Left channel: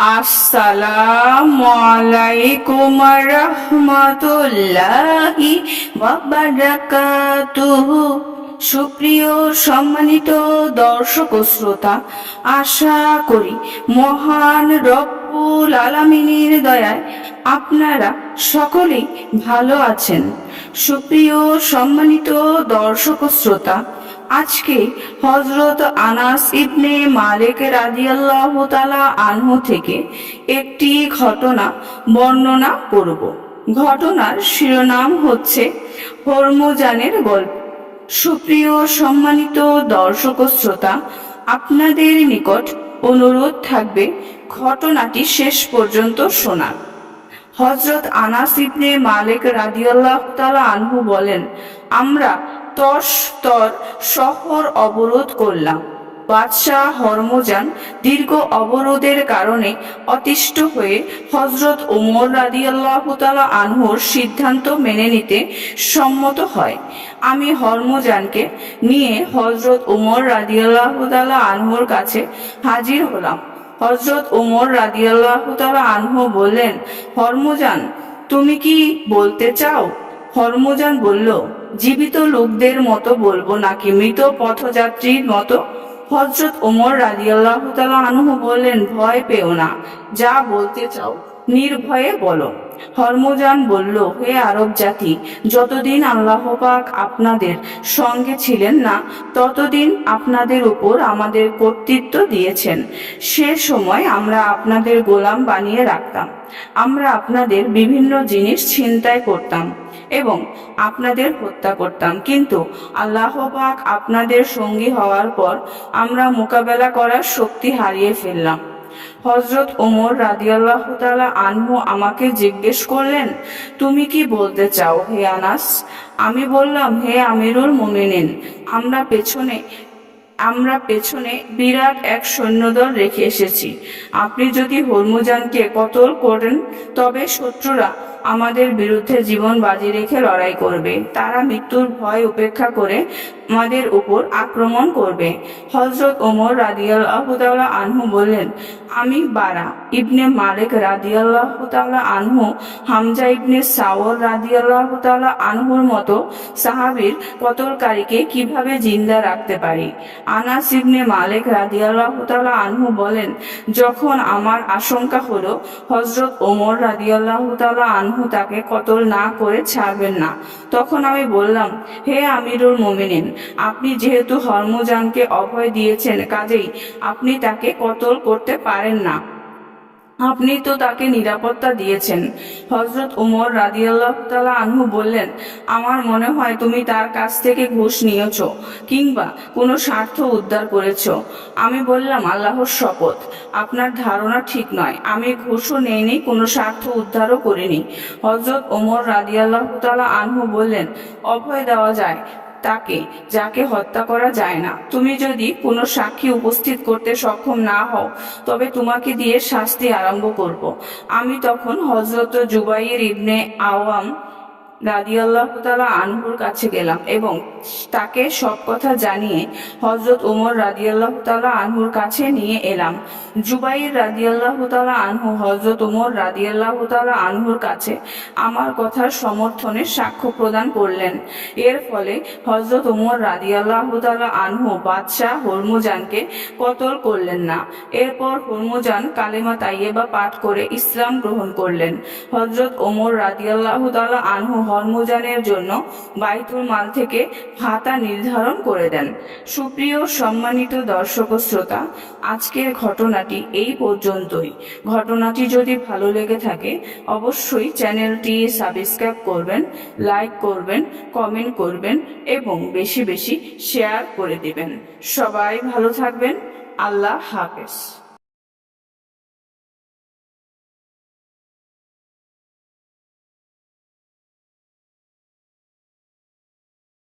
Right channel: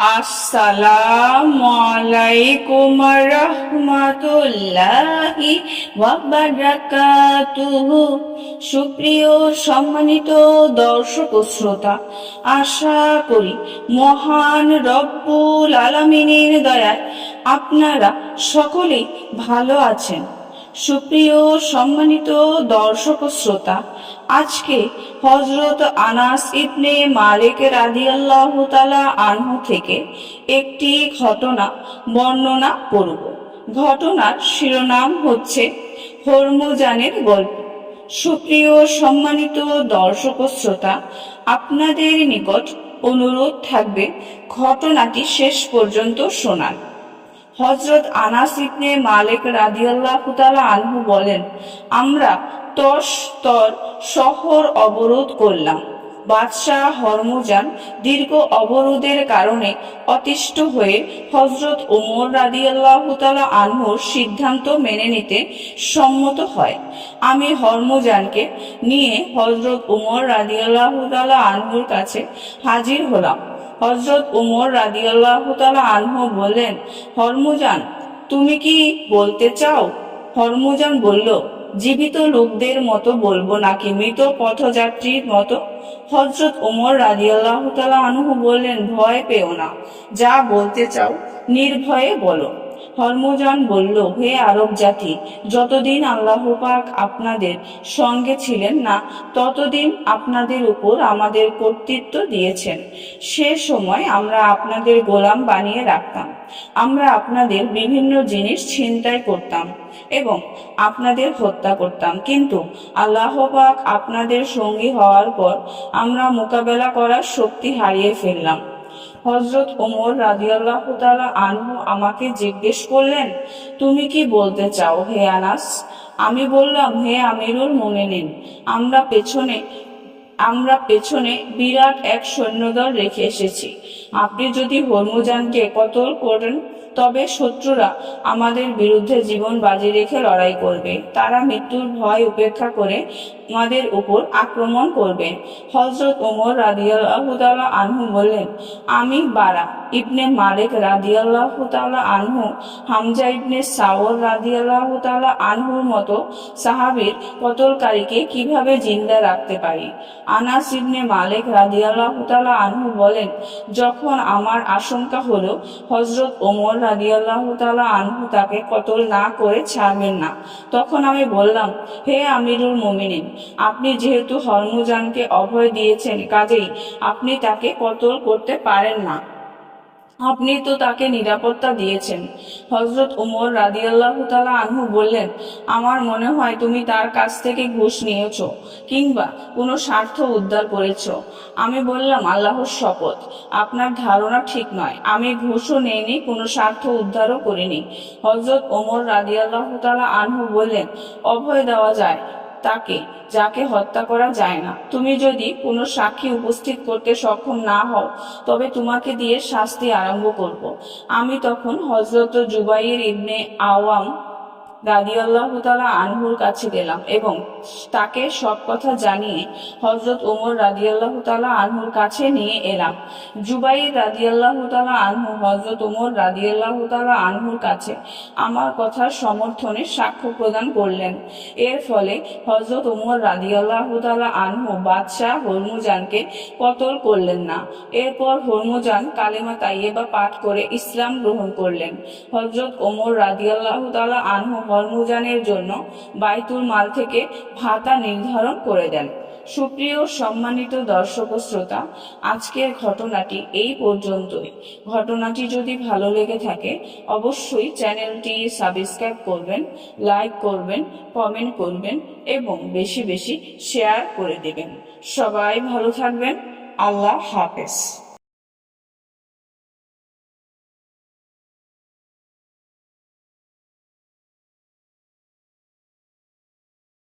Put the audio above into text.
আসসালামু আলাইকুম রহমাতুল্লাহি ওয়া বারাকাতুহু। সুপ্রিয় সম্মানিত দর্শক ও শ্রোতা, আশা করি মহান রব্বুল আলামিনের দয়ায় আপনারা সকলেই ভালো আছেন। সুপ্রিয় সম্মানিত দর্শক ও শ্রোতা, আজকে হযরত আনাস ইবনে মালিক রাদিয়াল্লাহু তাআলা আনহু থেকে একটি ঘটনা বর্ণনা করব। ঘটনার শিরোনাম হচ্ছে হরমুজানের গল্প। সুপ্রিয় সম্মানিত দর্শক ও শ্রোতা, আপনাদের নিকট অনুরোধ থাকবে ঘটনাটি শেষ পর্যন্ত শোনার। হযরত আনাস ইবনে মালিক রাদিয়াল্লাহু তাআলা আনহু বলেন, আমরা তর শহর অবরোধ করলাম। বাদশাহ হরমুজান দীর্ঘ অবরোধের কারণে অতিষ্ঠ হয়ে হযরত ওমর রাদিয়াল্লাহু তাআলা আনহুর সিদ্ধান্ত মেনে নিতে সম্মত হয়। আমি হরমুজানকে নিয়ে হযরত ওমর রাদিয়াল্লাহু তাআলা আনহুর কাছে হাজির হলাম। হযরত ওমর রাদিয়াল্লাহু তাআলা আনহু বললেন, হরমুজান, তুমি কি বলতে চাও? হরমুজান বলল, জীবিত লোকদের মতো বলবো নাকি মৃত পথযাত্রীর মতো? হযরত ওমর রাদিয়াল্লাহু তাআলা আনহু বললেন, ভয় পেও না, যা বলতে চাও নির্ভয়ে বলো। হরমুজান বলল, হে আরব জাতি, যতদিন আল্লাহ পাক আপনাদের সঙ্গে ছিলেন না ততদিন আপনাদের উপর আমাদের কর্তৃত্ব দিয়েছেন। সে সময় আমরা আপনাদের গোলাম বানিয়ে রাখতাম। আমরা আপনাদের বিভিন্ন জিনিস ছিনতাই করতাম এবং আপনাদের হত্যা করতাম, কিন্তু আল্লাহ পাক আপনাদের সঙ্গী হওয়ার পর আমরা মোকাবেলা করার শক্তি হারিয়ে ফেললাম। হযরত ওমর রাদিয়াল্লাহু তাআলা আনহু আমাকে জিজ্ঞেস করলেন, তুমি কি বলতে চাও হে আনাস? আমি বললাম, হে আমিরুল মুমিনিন, আমরা পেছনে বিরাট এক সৈন্যদল রেখে এসেছি। আপনি যদি হরমুজানকে কতল করেন তবে শত্রুরা আমাদের বিরুদ্ধে জীবন বাজি রেখে লড়াই করবে। তারা মৃত্যুর ভয় উপেক্ষা করে আমাদের উপর আক্রমণ করবে। হযরত ওমর রাদিয়াল্লাহু তাআলা আনহু বললেন, আমি বারা ইবনে মালিক রাদিয়াল্লাহু তাআলা আনহু হামজা ইবনে সাওর রাদিয়াল্লাহু তাআলা আনহুর মতো সাহাবীর কতলকারীকে কিভাবে জিন্দা রাখতে পারি? আনাস ইবনে মালিক রাদিয়াল্লাহু তাআলা আনহু বলেন, যখন আমার আশঙ্কা হলো হযরত ওমর রাদিয়াল্লাহু তাআলা আনহু তাকে কতল না করে ছাড়বেন না, তখন আমি বললাম, হে আমিরুল মুমিনিন, আপনি যেহেতু হরমুজানকে অভয় দিয়েছেন, কাজেই আপনি তাকে কতল করতে পারেন না। আপনি তো তাকে নিরাপত্তা দিয়েছেন। হযরত ওমর রাদিয়াল্লাহু তাআলা আনহু বললেন, আমার মনে হয় তুমি তার কাছ থেকে ঘুষ নিয়েছো কিংবা কোনো স্বার্থ উদ্ধার করেছো। আমি বললাম, আল্লাহর শপথ, আপনার ধারণা ঠিক নয়। আমি ঘুষও নেইনি, কোনো স্বার্থ উদ্ধারও করিনি। হযরত ওমর রাদিয়াল্লাহু তাআলা আনহু বললেন, অভয় দেওয়া যায় তাকে যাকে হত্যা করা যায় না। তুমি যদি কোনো সাক্ষী উপস্থিত করতে সক্ষম না হও তবে তোমাকে দিয়ে শাস্তি আরম্ভ করব। আমি তখন হযরত জুবাইর ইবনে আওয়াম রাদিয়াল্লাহু তাআলা আনহুর কাছে গেলাম এবং তাকে সব কথা জানিয়ে হযরত ওমর রাদিয়াল্লাহু তাআলা আনহুর কাছে নিয়ে এলাম। জুবাইর রাদিয়াল্লাহু তাআলা আনহু হযরত ওমর রাদিয়াল্লাহু তাআলা আনহুর কাছে আমার কথার সমর্থনে সাক্ষ্য প্রদান করলেন। এর ফলে হযরত ওমর রাদিয়াল্লাহু তাআলা আনহু বাদশাহ হরমুজানকে কতল করলেন না। এরপর হরমুজান কালেমা তাইয়্যিবা পাঠ করে ইসলাম গ্রহণ করলেন। হযরত ওমর রাদিয়াল্লাহু তাআলা আনহু হরমুজানের জন্য বাইতুল মাল থেকে ভাতা নির্ধারণ করে দেন। সুপ্রিয় সম্মানিত দর্শক ও শ্রোতা, আজকের ঘটনাটি এই পর্যন্তই। ঘটনাটি যদি ভালো লেগে থাকে অবশ্যই চ্যানেলটি সাবস্ক্রাইব করবেন, লাইক করবেন, কমেন্ট করবেন এবং বেশি বেশি শেয়ার করে দিবেন। সবাই ভালো থাকবেন। আল্লাহ হাফেজ।